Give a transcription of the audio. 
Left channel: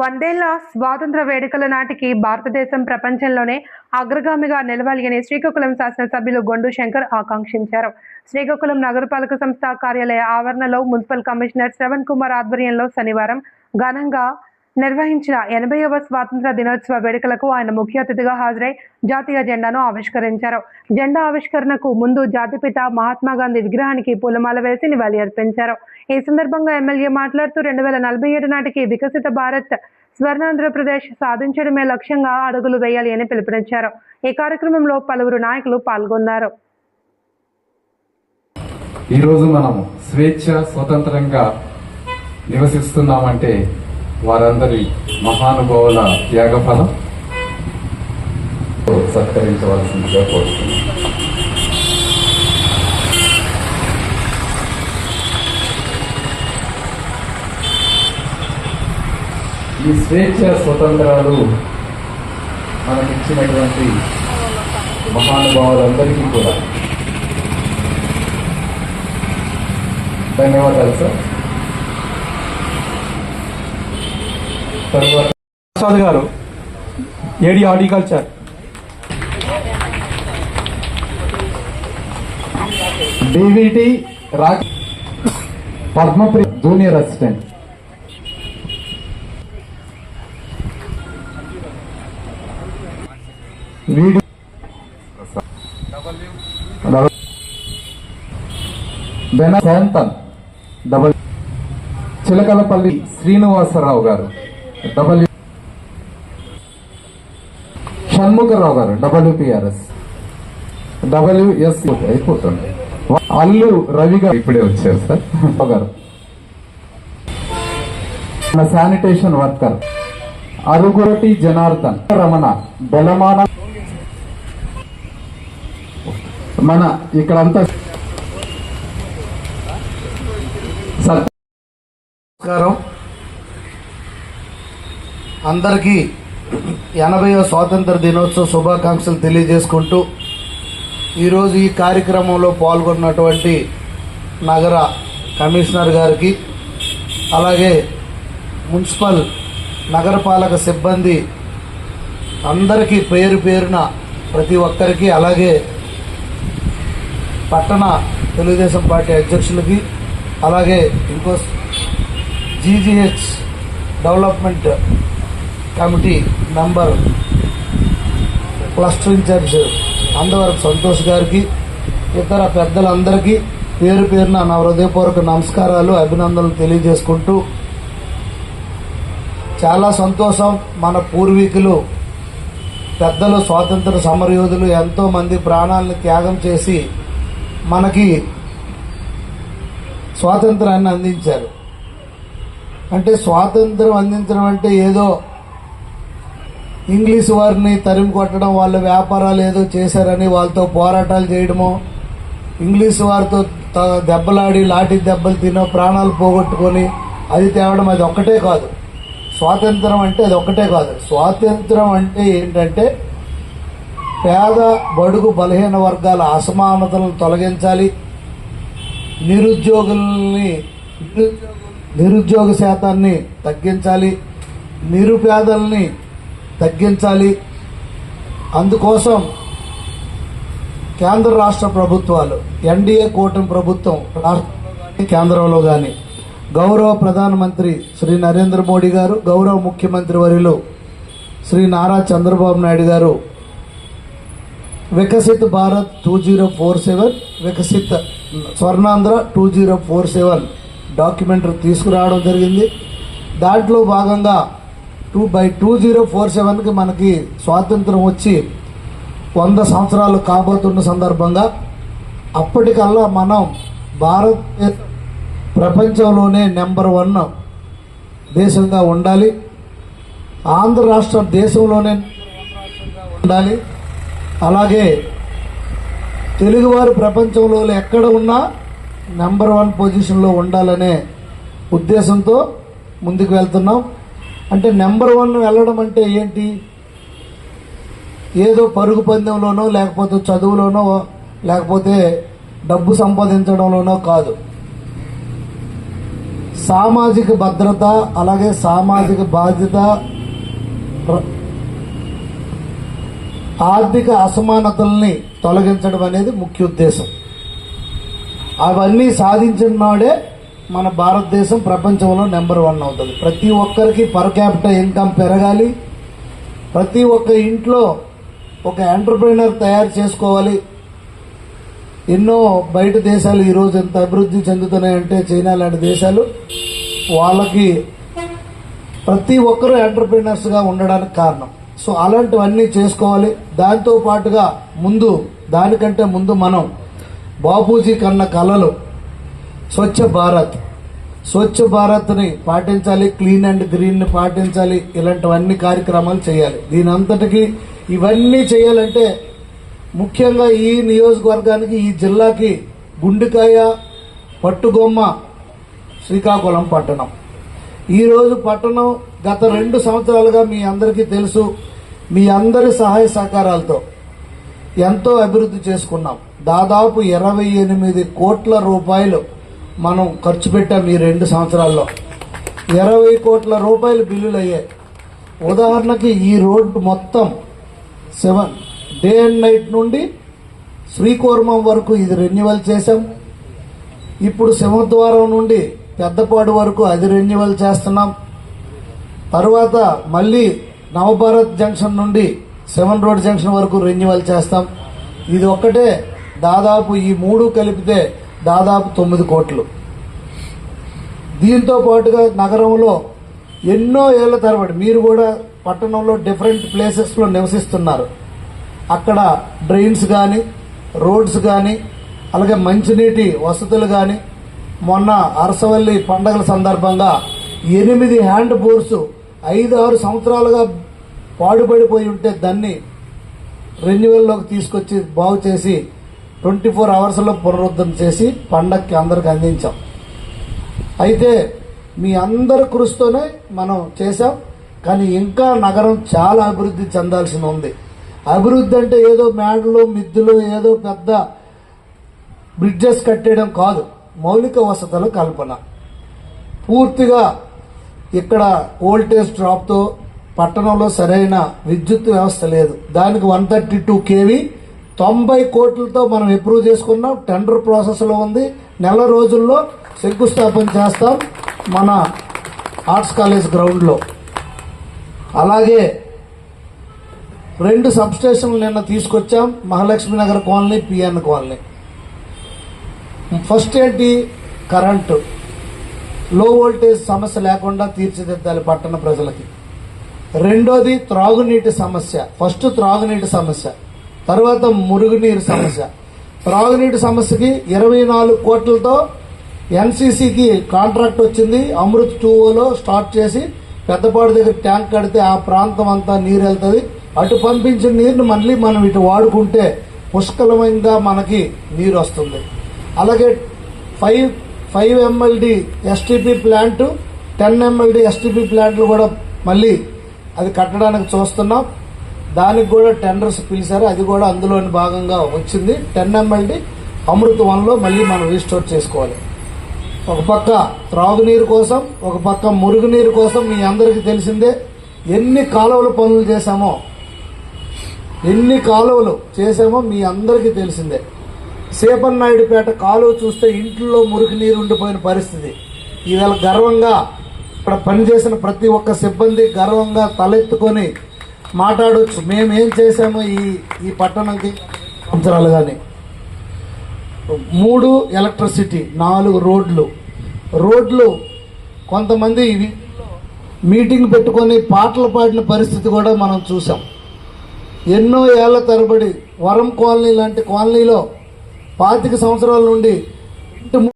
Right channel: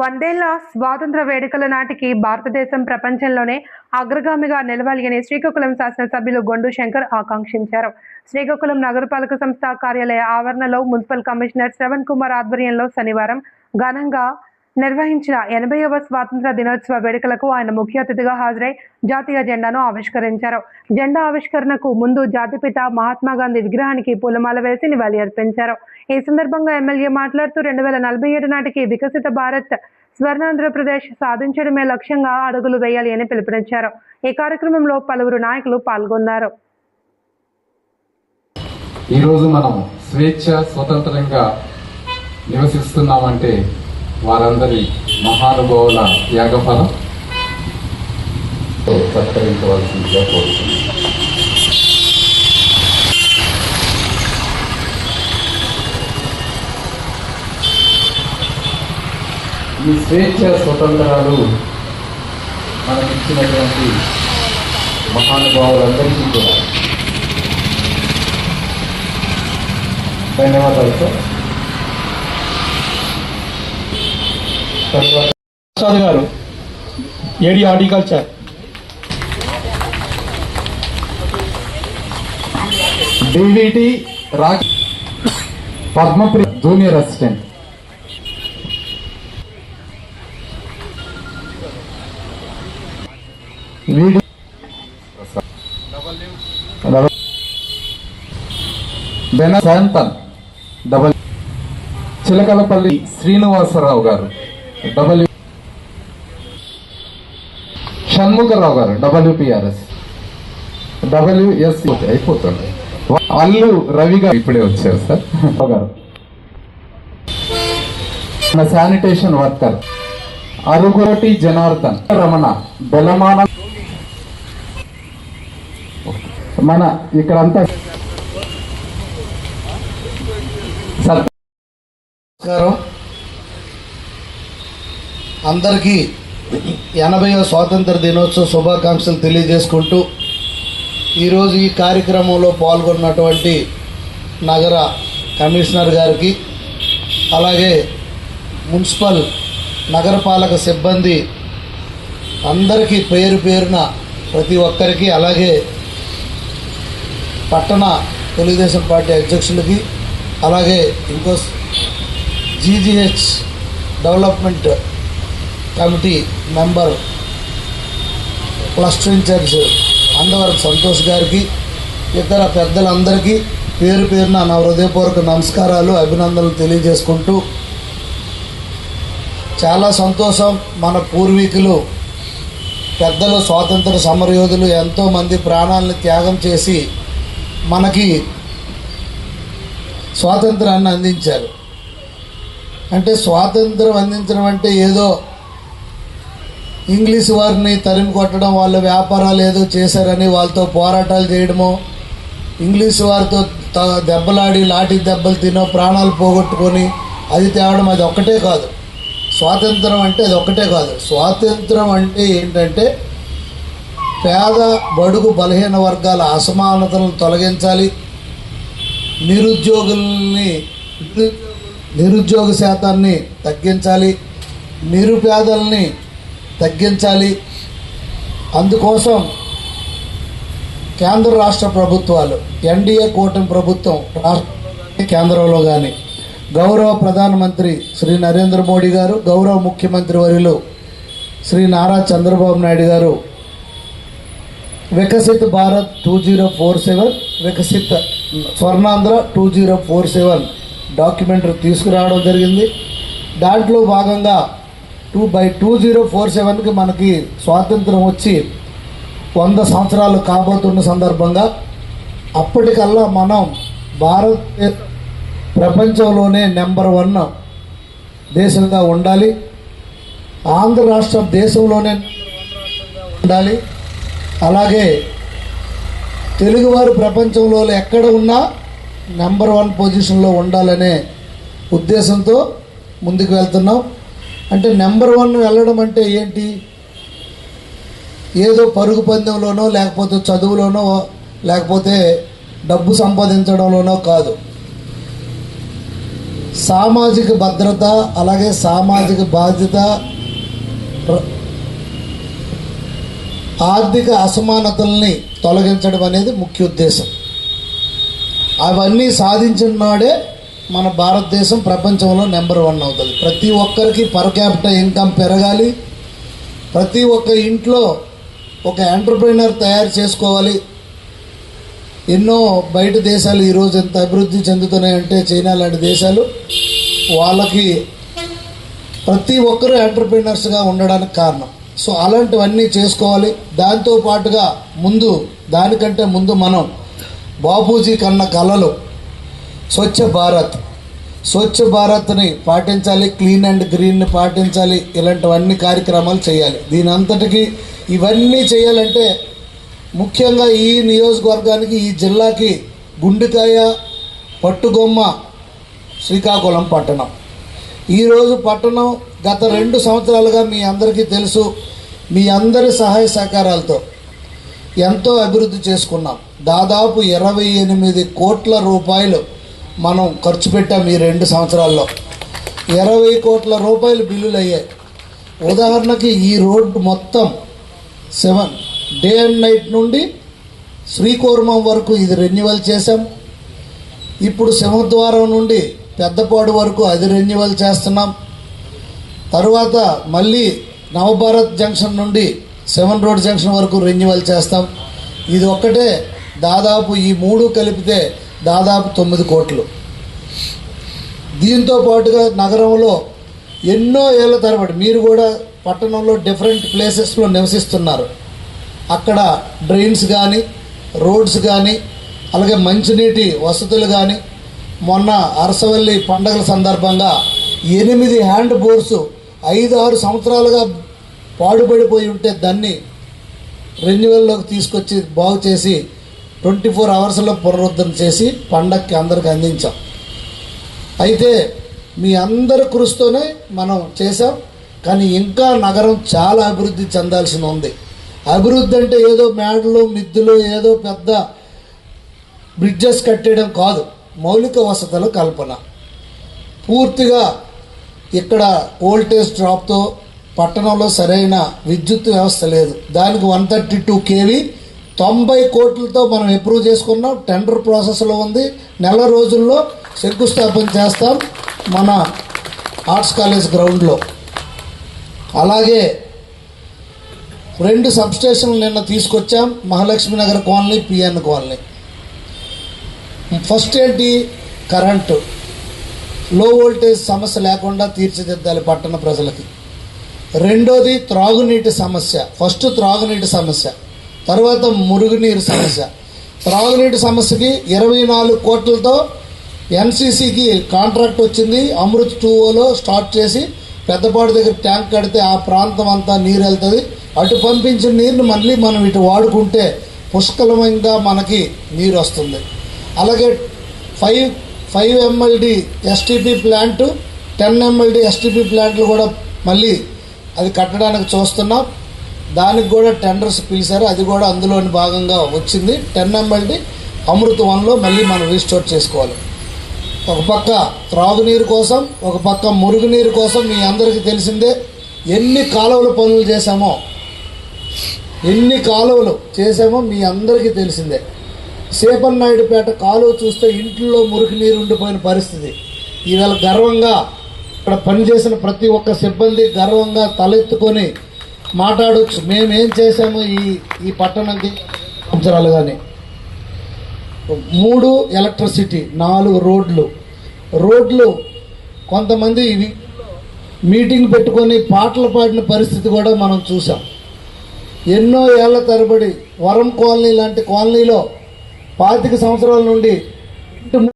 వందేళ్ల స్వాతంత్ర వేడుకల నాటికి భారతదేశం ప్రపంచంలోనే అగ్రగామిగా నిలవాలి అని శ్రీకాకుళం శాసనసభ్యులు గొండు శంకర్ ఆకాంక్షించారు. శ్రీకాకుళం నగరపాలక సంస్థ కార్యాలయ ఆవరణలో మున్సిపల్ కమిషనర్ శ్రవణ్ కుమార్ ఆధ్వర్యంలో శనివారం ఘనంగా నిర్వహించిన 80వ స్వాతంత్ర దినోత్సవ వేడుకలకు ఆయన ముఖ్య అతిథిగా హాజరై జాతీయ జెండాను ఆవిష్కరించారు. జెండా ఆవిష్కరణకు ముందు జాతిపిత మహాత్మా గాంధీ విగ్రహానికి పూలమాల వేసి నివాళి అర్పించారు. ఈ సందర్భంగా ఎమ్మెల్యే మాట్లాడుతూ 2047 నాటికి వికసిత భారత్ స్వర్ణాంధ్రప్రదేశ్ సాధించడమే లక్ష్యంగా అడుగులు వేయాలి అని పిలుపునిచ్చారు. ఈ కార్యక్రమంలో పలువురు నాయకులు పాల్గొన్నారు. ఈ రోజు మనం స్వేచ్ఛ స్వతంత్రంగా నివసిస్తున్నామంటే వారందరి మహానుభావుల త్యాగఫలం సత్కరించవలసిందిగా కోరుతున్నాను. ఈ స్వేచ్ఛ స్వతంత్రాలు మనకిచ్చినటువంటి మహానుభావులందరికీ కూడా ధన్యవాదాలు సార్. ప్రసాద్ గారు AD horticulture, DVT Padmapriya junior assistant, Shantan డబల్, చిలకలపల్లి శ్రీనివాసరావు గారు డబ్ల్యూ, షణ్ముఖరావు గారు WPRS, WS అయిపోతుంది. అల్లు రవి గారు ఇప్పుడే వచ్చారు సార్ గారు. మన శానిటేషన్ వర్కర్ అరుగుటి జనార్దన్, రమణ బెలమాన, మన ఇక్కడంతా నమస్కారం. అందరికీ 80వ స్వాతంత్ర దినోత్సవ శుభాకాంక్షలు తెలియజేసుకుంటూ ఈరోజు ఈ కార్యక్రమంలో పాల్గొన్నటువంటి నగర కమిషనర్ గారికి, అలాగే మున్సిపల్ నగరపాలక సిబ్బంది అందరికీ పేరు పేరున ప్రతి ఒక్కరికి, అలాగే పట్టణ తెలుగుదేశం పార్టీ అధ్యక్షులకి, అలాగే ఇంకో GGH development committee member cluster incharge Andavarapu Santosh గారికి, ఇతర పెద్దలందరికీ పేరు పేరున నా హృదయపూర్వక నమస్కారాలు, అభినందనలు తెలియజేసుకుంటూ, చాలా సంతోషం. మన పూర్వీకులు పెద్దలు స్వాతంత్ర సమరయోధులు ఎంతోమంది ప్రాణాలను త్యాగం చేసి మనకి స్వాతంత్రాన్ని అందించారు. అంటే స్వాతంత్రం అందించడం అంటే ఏదో ఇంగ్లీష్ వారిని తరిమి కొట్టడం, వాళ్ళ వ్యాపారాలు ఏదో చేశారని వాళ్ళతో పోరాటాలు చేయడమో, ఇంగ్లీష్ వారితో దెబ్బలాడి లాఠీ దెబ్బలు తినో ప్రాణాలు పోగొట్టుకొని అది తేవడం, అది ఒక్కటే కాదు. స్వాతంత్రం అంటే అది ఒక్కటే కాదు. స్వాతంత్రం అంటే ఏంటంటే పేద బడుగు బలహీన వర్గాల అసమానతలను తొలగించాలి, నిరుద్యోగ శాతాన్ని తగ్గించాలి, నిరుపేదల్ని తగ్గించాలి. అందుకోసం కేంద్ర రాష్ట్ర ప్రభుత్వాలు, ఎన్డీఏ కూటమి ప్రభుత్వం కేంద్రంలో కానీ గౌరవ ప్రధానమంత్రి శ్రీ నరేంద్ర మోడీ గారు, గౌరవ ముఖ్యమంత్రి వర్యులు శ్రీ నారా చంద్రబాబు నాయుడు గారు వికసిత్ భారత్ 2047, వికసిత్ స్వర్ణాంధ్ర 2047 డాక్యుమెంటరీ తీసుకురావడం జరిగింది. దాంట్లో భాగంగా 2047కి మనకి స్వాతంత్రం వచ్చి 100 సంవత్సరాలు కాబోతున్న సందర్భంగా అప్పటికల్లా మనం భారతదేశ ప్రపంచంలోనే నెంబర్ 1 దేశంగా ఉండాలి, ఆంధ్ర రాష్ట్రం దేశంలోనే ఉండాలి, అలాగే తెలుగువారు ప్రపంచంలో ఎక్కడ ఉన్నా నెంబర్ 1 పొజిషన్లో ఉండాలనే ఉద్దేశంతో ముందుకు వెళ్తున్నాం. అంటే నెంబర్ 1 వెళ్ళడం అంటే ఏంటి? ఏదో పరుగు పందెంలోనో, లేకపోతే చదువులోనో, లేకపోతే డబ్బు సంపాదించడంలోనో కాదు. సామాజిక భద్రత, అలాగే సామాజిక బాధ్యత, ఆర్థిక అసమానతల్ని తొలగించడం అనేది ముఖ్య ఉద్దేశం. అవన్నీ సాధించిన నాడే మన భారతదేశం ప్రపంచంలో నెంబర్ 1 అవుతుంది. ప్రతి ఒక్కరికి పర్ క్యాపిటల్ ఇన్కమ్ పెరగాలి. ప్రతి ఒక్క ఇంట్లో ఒక ఎంటర్ప్రైనర్ తయారు చేసుకోవాలి. ఎన్నో బయట దేశాలు ఈరోజు ఎంత అభివృద్ధి చెందుతున్నాయంటే చైనా లాంటి దేశాలు, వాళ్ళకి ప్రతి ఒక్కరూ ఎంటర్ప్రైనర్స్గా ఉండడానికి కారణం. సో అలాంటివన్నీ చేసుకోవాలి. దాంతోపాటుగా దానికంటే ముందు మనం బాపూజీ కన్న కళలు స్వచ్ఛ భారత్ని పాటించాలి, క్లీన్ అండ్ గ్రీన్ని పాటించాలి. ఇలాంటివన్నీ కార్యక్రమాలు చేయాలి. దీని అంతటికి ఇవన్నీ చేయాలంటే ముఖ్యంగా ఈ నియోజకవర్గానికి, ఈ జిల్లాకి గుండెకాయ పట్టుగొమ్మ శ్రీకాకుళం పట్టణం. ఈరోజు పట్టణం గత 2 సంవత్సరాలుగా మీ అందరికీ తెలుసు, మీ అందరి సహాయ సహకారాలతో ఎంతో అభివృద్ధి చేసుకున్నాం. దాదాపు 28 కోట్ల రూపాయలు మనం ఖర్చు పెట్టాం ఈ 2 సంవత్సరాల్లో. 20 కోట్ల రూపాయలు బిల్లులు అయ్యాయి. ఉదాహరణకి ఈ రోడ్డు మొత్తం 7 డే అండ్ నైట్ నుండి శ్రీకూర్మం వరకు ఇది రెన్యువల్ చేసాం. ఇప్పుడు సింహద్వారం నుండి పెద్దపాడు వరకు అది రెన్యువల్ చేస్తున్నాం. తర్వాత మళ్ళీ నవభారత్ జంక్షన్ నుండి 7 రోడ్ జంక్షన్ వరకు రెన్యువల్ చేస్తాం. ఇది ఒక్కటే దాదాపు ఈ 3 కలిపితే దాదాపు 9 కోట్లు. దీంతో పాటుగా నగరంలో ఎన్నో ఏళ్ల తరబడి మీరు కూడా పట్టణంలో డిఫరెంట్ ప్లేసెస్లో నివసిస్తున్నారు. అక్కడ డ్రైన్స్ కానీ, రోడ్స్ కానీ, అలాగే మంచినీటి వసతులు కానీ, మొన్న అరసవల్లి పండగల సందర్భంగా 8 హ్యాండ్ బోర్స్ 5-6 సంవత్సరాలుగా పాడుపడిపోయి ఉంటే దాన్ని రెన్యువల్లోకి తీసుకొచ్చి బాగు చేసి 24 అవర్స్లో పునరుద్ధరణ చేసి పండగకి అందరికి అందించాం. అయితే మీ అందరి కృషితోనే మనం చేసాం. కానీ ఇంకా నగరం చాలా అభివృద్ధి చెందాల్సి ఉంది. అభివృద్ధి అంటే ఏదో మేడలు మిద్దులు ఏదో పెద్ద బ్రిడ్జెస్ కట్టేయడం కాదు, మౌలిక వసతుల కల్పన. పూర్తిగా ఇక్కడ వోల్టేజ్ డ్రాప్తో పట్టణంలో సరైన విద్యుత్ వ్యవస్థ లేదు. దానికి 132 kV 90 కోట్లతో మనం అప్రూవ్ చేసుకున్నాం. టెండర్ ప్రాసెస్లో ఉంది. నెల రోజుల్లో శంకుస్థాపన చేస్తాం మన ఆర్ట్స్ కాలేజ్ గ్రౌండ్లో. అలాగే 2 సబ్స్టేషన్లు నిన్న తీసుకొచ్చాం, Mahalakshmi Nagar colony, PN colony. First ఏంటి, కరెంటు, లో వోల్టేజ్ సమస్య లేకుండా తీర్చిదిద్దాలి పట్టణ ప్రజలకి. రెండోది త్రాగునీటి సమస్య. ఫస్ట్ త్రాగునీటి సమస్య, తర్వాత మురుగునీరు సమస్య. త్రాగునీటి సమస్యకి 24 కోట్లతో ఎన్సీసీకి కాంట్రాక్ట్ వచ్చింది. అమృత్ 2లో స్టార్ట్ చేసి పెద్దపాడు దగ్గర ట్యాంక్ కడితే ఆ ప్రాంతం అంతా నీరు వెళ్తుంది. అటు పంపించిన నీరుని మళ్ళీ మనం ఇటు వాడుకుంటే పుష్కలంగా మనకి నీరు వస్తుంది. అలాగే 5 MLD STP plant, 10 MLD STP ప్లాంట్లు కూడా మళ్ళీ అది కట్టడానికి చూస్తున్నాం. దానికి కూడా టెండర్స్ పిలిచారు, అది కూడా అందులోని భాగంగా వచ్చింది. 10 MLD అమృత్ 1లో మళ్ళీ మనం రీస్టోర్ చేసుకోవాలి. ఒక పక్క త్రాగునీరు కోసం, ఒక పక్క మురుగునీరు కోసం. మీ అందరికీ తెలిసిందే ఎన్ని కాలువల పనులు చేశామో మీ అందరికీ తెలిసిందే. సేపన్నాయుడుపేట కాలువ చూస్తే ఇంట్లో మురికి నీరు ఉండిపోయిన పరిస్థితి. ఈవేళ గర్వంగా ఇక్కడ పనిచేసిన ప్రతి ఒక్క సిబ్బంది గర్వంగా తలెత్తుకొని మాట్లాడవచ్చు, మేమేం చేశామో ఈ పట్టణంకి సంవత్సరాలు. కానీ 3 ఎలక్ట్రిసిటీ, 4 రోడ్లు. కొంతమంది మీటింగ్ పెట్టుకొని పాటలు పాడిన పరిస్థితి కూడా మనం చూసాం. ఎన్నో ఏళ్ల తరబడి వరం కాలనీ లాంటి కాలనీలో 25 సంవత్సరాల నుండి